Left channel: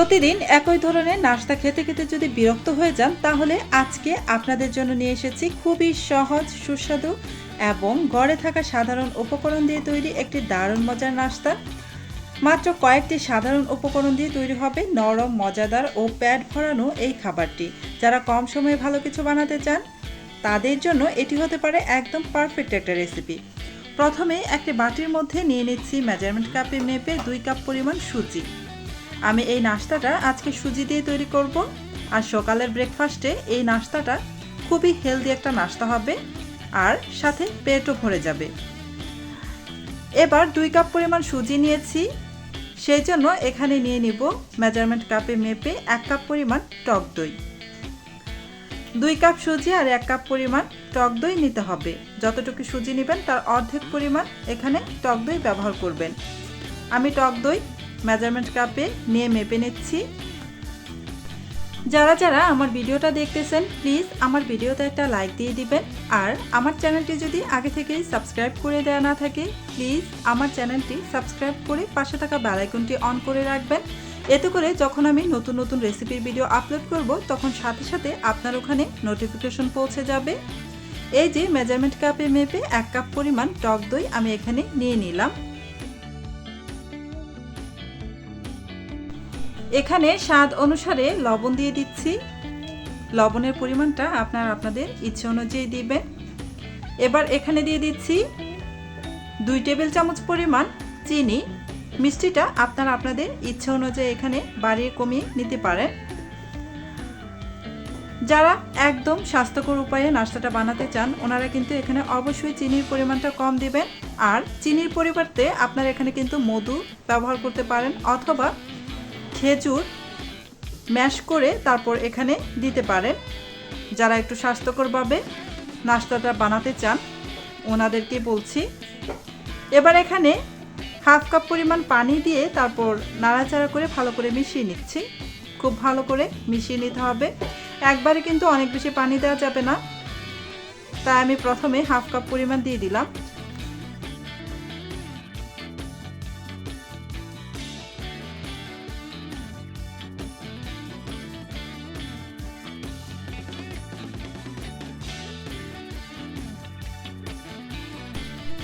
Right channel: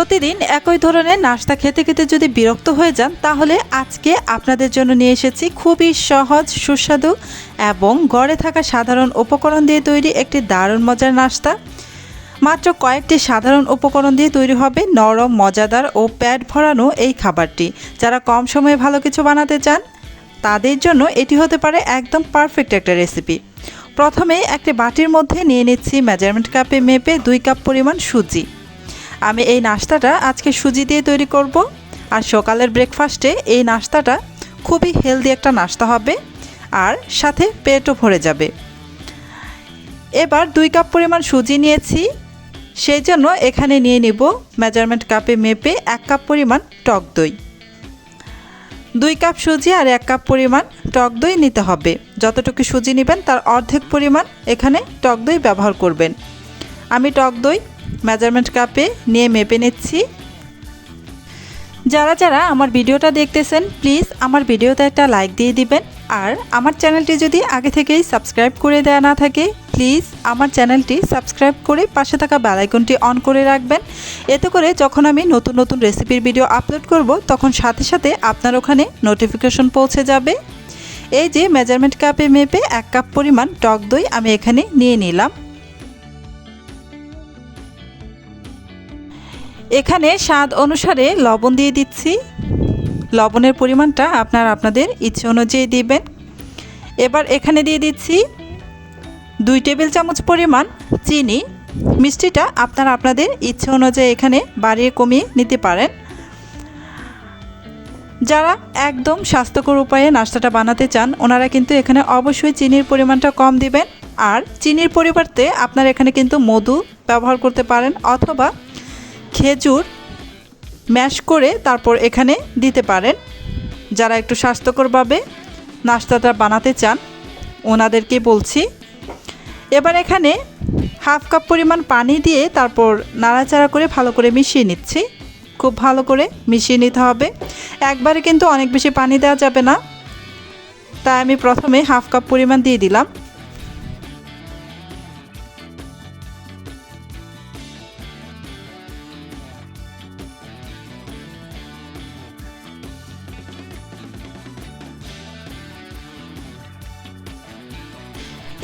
প্রতিদিন একই ধরনের নাস্তা খেতে খেতে যদি বিরক্ত হয়ে যান, তাহলে আজকে আপনাদের জন্য নিয়ে এসেছি খুবই সহজ, সুস্বাদু এবং ঘরে থাকা সাধারণ উপকরণ দিয়ে তৈরি একটি দারুণ মজার নাস্তা। মাত্র কয়েকটি সাধারণ উপকরণ দিয়ে তৈরি হবে নরম, মজাদার ও পেট ভরানো এই খাবারটি। যারা কম সময়ে ভালো কিছু বানাতে চান, তাদের জন্য এটি হতে পারে একদম পারফেক্ট একটা রেসিপি। প্রথমে একটি বাটির মধ্যে নিয়ে নিচ্ছি মেজারমেন্ট কাপে মেপে 2 কাপ পরিমাণ সুজি। আমি এই নাস্তাটা আজকে সুজি দিয়ে তৈরি করব। আর সকালের ব্রেকফাস্টে এই নাস্তাটা খুবই হেলদি একটা নাস্তা হবে, আর সাথে পেটও ভরে যাবে। এবার 2 কাপ পরিমাণ সুজি নিয়েছি, সেই জন্য এখানে নিয়ে নিব মেজারমেন্ট কাপে মেপে 1 কাপ পরিমাণ টক দই। 2 কাপ সুজি আর 1 কাপ পরিমাণ টক দই নিতে হবে। যতটুকু সুজি নেবেন তার অর্ধেক পরিমাণ এখানে টক দই ব্যবহার করবেন। আমি টক দই মেজারমেন্ট কাপে নিয়ে মেপে নিচ্ছি। যারা যারা আমার ভিডিওটা দেখতেছেন, প্লিজ আমার ভিডিওতে একটা লাইক দিয়ে দিবেন। আর আমার চ্যানেলটি যদি আগে থেকেই সাবস্ক্রাইব করে দেওয়া না থাকে, প্লিজ আমার চ্যানেলটি সাবস্ক্রাইব করে পাশে থাকা বেল আইকনটি অন করে রাখবেন। এতে করে যখন আমি নতুন নতুন রেসিপির ভিডিও আপলোড করব, তখন সাথে সাথে আপনার ওখানে নোটিফিকেশন পৌঁছে যাবে। এই যে মেজারমেন্ট কাপে মেপে 1 কাপ পরিমাণ টক দই আমি এখানে নিয়ে নিলাম। এখানে স্বাদ অনুসারে লবণ দিয়ে দিচ্ছি। লবণের পরিমাণটা আপনাদের ইচ্ছে অনুযায়ী দিবেন। এবার এখানে দিয়ে দিচ্ছি 2 টেবিল চামচ পরিমাণ চিনি। মিষ্টিটা আপনাদের ইচ্ছে অনুযায়ী এখানে বাড়িয়ে কমিয়ে নিতে পারেন। যারা একদম স্বাস্থ্যকর উপায়ে নাস্তাটা বানাতে চান, ওনারা কিন্তু এখানে অবশ্যই চিনির পরিমাণটা কম দিবেন। আর চিনির পরিবর্তে আপনারা এখানে কিন্তু মধু ব্যবহার করতে পারেন, অথবা খেজুর ম্যাশ করে তারপর এখানে দিতে পারেন। যারা একটু স্বাস্থ্যকরভাবে নাস্তাটা বানাতে চান, ওনাদেরকে বলছি। এবার এখানে 1/2 কাপ পরিমাণ পানি দিয়ে তারপর নাড়াচাড়া করে ভালো করে মিশিয়ে নিচ্ছি। খুব ভালো করে মিশিয়ে নিতে হবে। একবারে কিন্তু অনেক বেশি পানি দেওয়া যাবে না, তাই আমি প্রথমে 1/2 কাপ পরিমাণ দিয়ে দিলাম।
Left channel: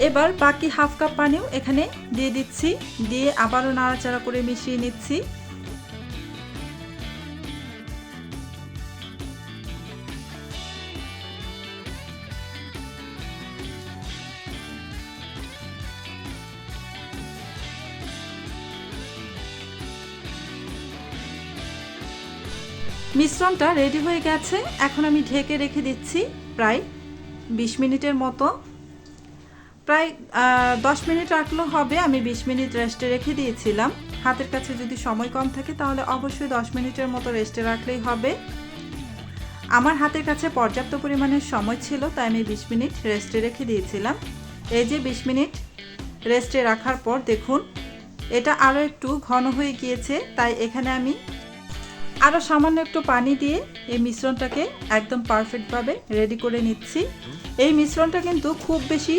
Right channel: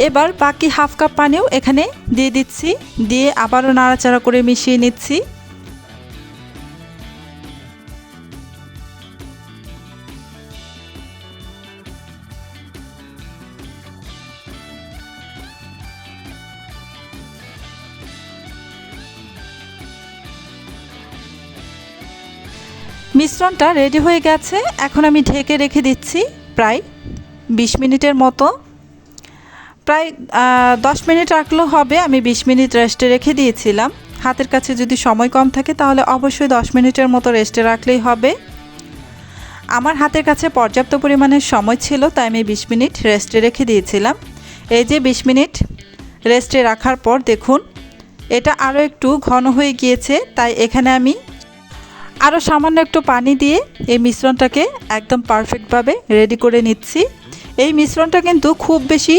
এবার বাকি 1/2 কাপ পানিও এখানে দিয়ে দিচ্ছি, দিয়ে আবারও নাড়াচাড়া করে মিশিয়ে নিচ্ছি। মিশ্রণটা রেডি হয়ে গেছে। এখন আমি ঢেকে রেখে দিচ্ছি প্রায় 20 মিনিটের মতো। প্রায় 10 মিনিট রাখলেও হবে। আমি 20 মিনিট রেস্টে রেখে দিয়েছিলাম। হাতের কাছে যদি সময় কম থাকে, তাহলে অবশ্যই 10 মিনিটের মতো রেস্টে রাখলেই হবে। আমার হাতের কাছে পর্যাপ্ত পরিমাণের সময় ছিল, তাই আমি 20 মিনিট রেস্টে রেখে দিয়েছিলাম। এই যে 20 মিনিট রেস্টে রাখার পর দেখুন, এটা আরও একটু ঘন হয়ে গিয়েছে। তাই এখানে আমি আরও সামান্য একটু পানি দিয়ে এই মিশ্রণটাকে একদম পারফেক্টভাবে রেডি করে নিচ্ছি। এই মিশ্রণটা কিন্তু খুব বেশি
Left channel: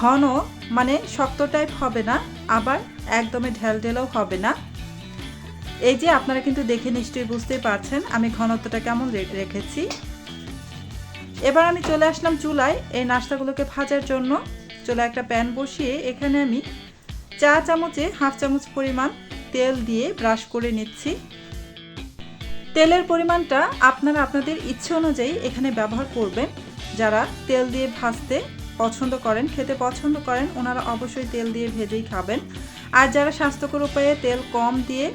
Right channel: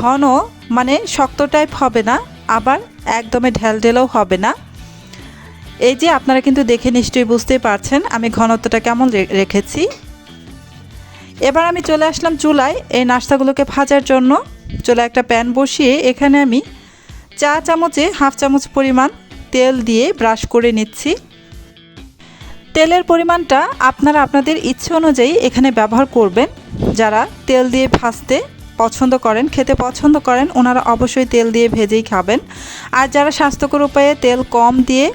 ঘন, মানে শক্ত টাইপ হবে না, আবার একদমই ঢেলঢেলেও হবে না। এই যে আপনারা কিন্তু দেখে নিশ্চয়ই বুঝতে পারছেন আমি ঘনত্বটা কেমন রেখেছি। এবার আমি চলে আসলাম চুলায় এই নাস্তাগুলোকে ভাজার জন্য। চুলায় একটা প্যান বসিয়ে এখানে আমি চা চামচে 1/2 চামচ পরিমাণ তেল দিয়ে ব্রাশ করে নিচ্ছি। তেলের পরিমাণটা আপনাদের ইচ্ছে অনুযায়ী এখানে ব্যবহার করবেন। যারা তেল দিয়ে ভাজতে পছন্দ করেন, খেতে পছন্দ করেন, ওনারা অবশ্যই তেল দিয়ে ভেজেই খাবেন। আর যারা স্বাস্থ্যকর উপায়ে তেল কম দিয়ে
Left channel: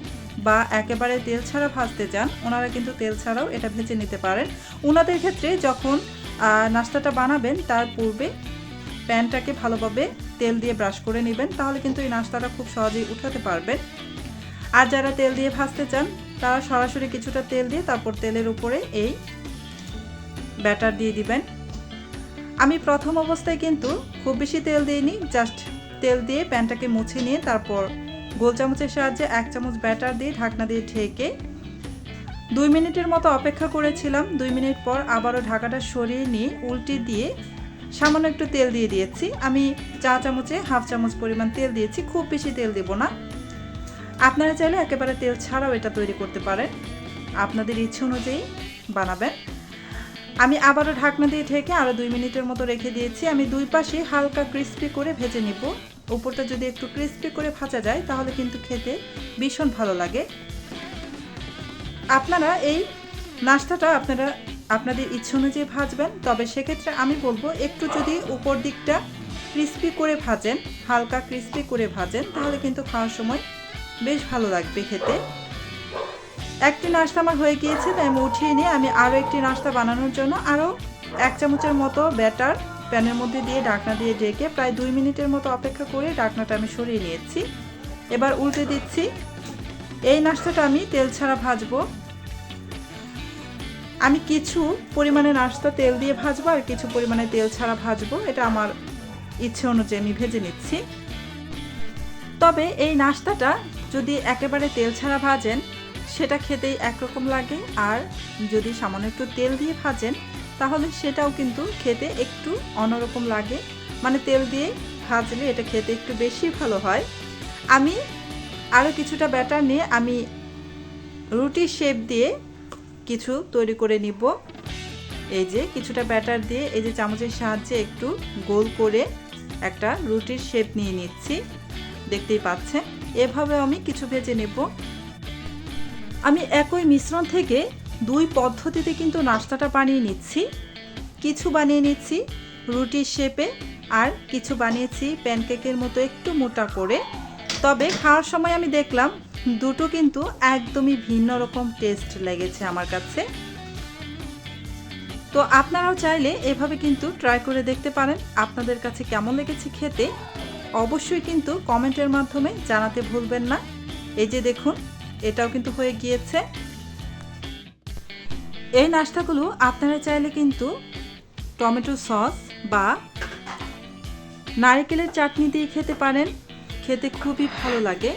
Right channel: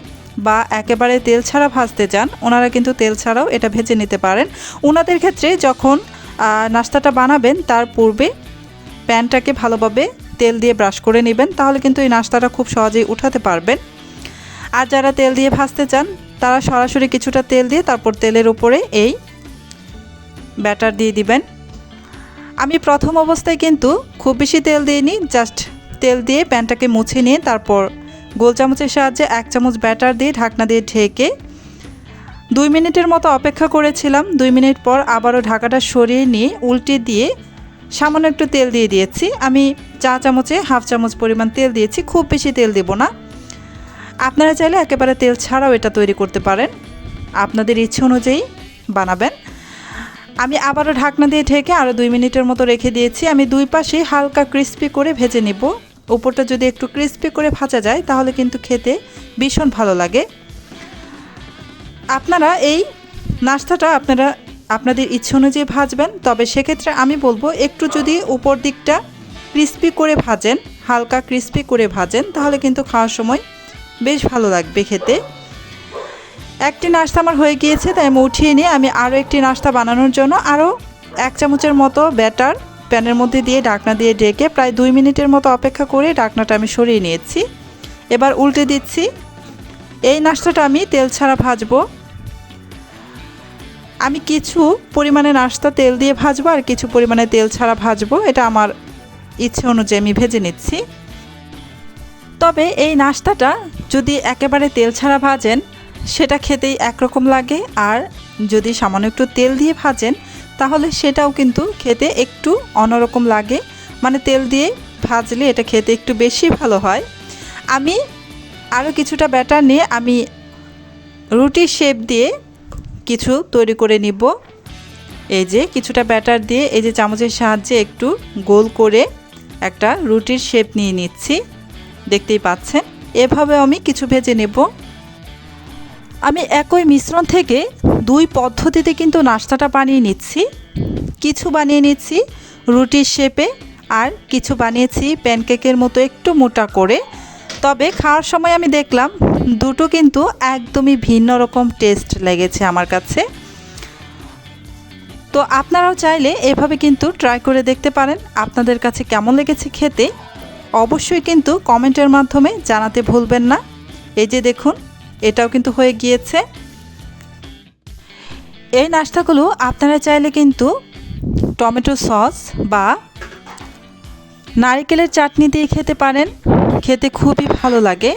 বা একেবারে তেল ছাড়া ভাজতে চান, ওনারা কিন্তু তেল ছাড়াও এটা ভেজে নিতে পারেন। ওনাদের ক্ষেত্রে যখন নাস্তাটা বানাবেন, তার পূর্বে প্যানটাকে ভালোভাবে তেল দিয়ে ব্রাশ করে নেবেন, তাহলে কিন্তু এই নাস্তাটা খুব সহজেই উঠাতে পারবেন। আর যারা তেল দিয়ে ভাজতে চান, তারা সরাসরি কিছুটা তেল দিয়ে তারপর তেলের উপরে এই ব্যাটার দিয়ে দিবেন। আমি প্রথম অবস্থায় কিন্তু খুব বেশি তেল দিইনি, জাস্ট তেল দিয়ে প্যানটাকে মুছে নিয়ে তারপর গোল চামচের সাহায্যে 1 চামচ ব্যাটার দিয়ে ঢাকনা দিয়ে ঢেকে 2 মিনিটের মতো অপেক্ষা করেছিলাম। 2 মিনিট পর আবারও ঢাকাটা সরিয়ে নিয়ে উল্টে দিয়ে সামান্য একটু তেল দিয়ে দিয়েছি। আমি চা চামচে 1/2 চামচ পরিমাণ তেল দিয়েছি, খুব বেশি তেল দেব না। আপনারা চাইলে একেবারে তেল ছাড়াও এটা তৈরি করতে পারেন, আপনাদের ইচ্ছে অনুযায়ী বানাবেন। আমি আবারও ঢাকনা দিয়ে ঢেকে আরও 2 মিনিটের মতো রেখে দিয়েছি। আমি দুই পাশে হালকা ক্রিস্পি করে ভেজে নিব। উপরটা যদি একটু ক্রিস্পি করে ভাজা যায় তাহলে কিন্তু খেতে ভীষণ ভালো লাগে। আপনারা এই নাস্তাটা আপনাদের ইচ্ছে অনুযায়ী ভাজবেন, তবে সেক্ষেত্রে আমি বলবো একটু যদি উপর দিকটা ক্রিস্পি করে ভাজেন, হালকা ক্রিস্পি করে ভাজেন, তাহলে কিন্তু খাওয়ার সময় বেশ ভালো লাগবে খেতে। একটি নাস্তা আমার হয়ে গিয়েছে, তাই আমি উঠিয়ে নিয়ে আমি আরও একটি নাস্তা বানানোর জন্য আরও 1 চামচের মতো ব্যাটার প্যানের মধ্যে দিয়ে ঢাকনা দিয়ে ঢেকে প্রায় 2 মিনিটের মতো অপেক্ষা করে ঢাকনাটা আমি সরিয়ে নিয়েছি। এবার উল্টে দিচ্ছি। এই নাস্তাটা আমি তেল ছাড়া ভাজবো। আমি কিছু পরিমাণে নাস্তা তেল দিয়ে ভাজবো আর কিছু পরিমাণে তেল ছাড়া ভাজবো, এটা আমার ইচ্ছে অনুযায়ী আমি ভেজে নিচ্ছি। তবে এই নাস্তাটা যদি একেবারে তেল ছাড়া ভাজেন সেটা খেতেই একরকম লাগে, আর যদি সামান্য একটু তেল দিয়ে ভাজেন তাহলে সেটাও কিন্তু খেতে একটু অন্যরকম লাগে। মানে তেল দিয়ে ভাজলে এটা খেতে একটু বেশি ভালো হয়। আমি আরও কিছুটা ব্যাটার নিয়ে আমি রুটির শেপ দিয়ে কিছু তৈরি করে নিব। এই যে কিছুটা ব্যাটার দিয়ে এই যে চামচের সাহায্যে একটু গোল করে একটা রুটির শেপ নিয়ে নিচ্ছি, দেখতেই পাচ্ছেন। এভাবে আমি কিছু ভেজে নেব। আমি একই মিশ্রণ থেকে 2 পদ্ধতিতে কিন্তু নাস্তাটা বানিয়ে নিচ্ছি। কিছু বানিয়ে নিচ্ছি রুটির শেপে আর কিছু বানিয়েছি প্যানকেকের মতো একটু মোটা করে। তবে খাওয়ার সময় আমি দেখলাম দুটো কিন্তু একদমই ভিন্ন রকম টেস্ট লেগেছে আমার কাছে। তো আপনারাও চাইলে এভাবে কিন্তু ট্রাই করে দেখতে পারেন। আপনাদের কাছে কেমন লেগেছে খেতে অবশ্যই কিন্তু কমেন্টের মাধ্যমে জানাতে ভুলবেন না। এই যে দেখুন, এটাও কিন্তু হয়ে গিয়েছে। এই নাস্তাগুলো আপনারা চাইলে কিন্তু টমেটো সস বা নারকেলের চাটনি দিয়ে খেতে পারেন, খেতে খুবই ভালো লাগে।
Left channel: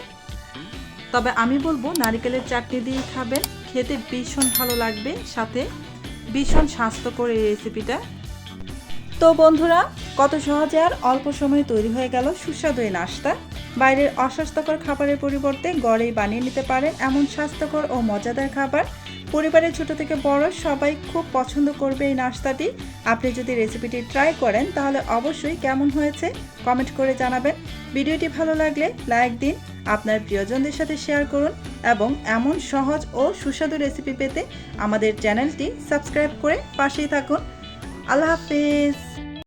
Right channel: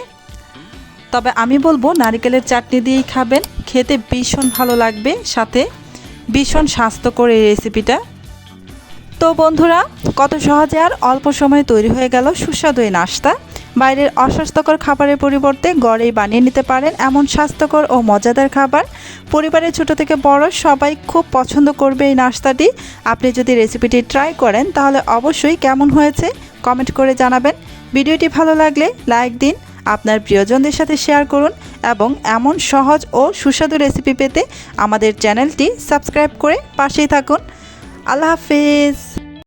তবে আমি বলবো নারকেলের চাটনি দিয়েই খাবেন, খেতে ভীষণ ভালো লাগবে, সাথে ভীষণ স্বাস্থ্যকর এই রেসিপিটা। তো বন্ধুরা, কত সহজে আর অল্প সময়ে তৈরি হয়ে গেল সুস্বাদু এই নাস্তা। বাইরের অস্বাস্থ্যকর খাবারের পরিবর্তে ঘরেই বানিয়ে নিতে পারেন এমন স্বাস্থ্যকর ও মজাদার খাবার। পরিবারের ছোট থেকে বড় সবাই খুব পছন্দ করবে এই নাস্তাটি। আপনি যদি রেসিপিটি ট্রাই করেন তাহলে অবশ্যই কেমন হয়েছে কমেন্ট করে জানাবেন। ভিডিওটি ভালো লাগলে লাইক দিন, আপনার প্রিয়জনদের সাথে শেয়ার করুন এবং এমন সহজ ও সুস্বাদু রেসিপি পেতে আমাদের চ্যানেলটি সাবস্ক্রাইব করে পাশেই থাকুন। আল্লাহ হাফেজ।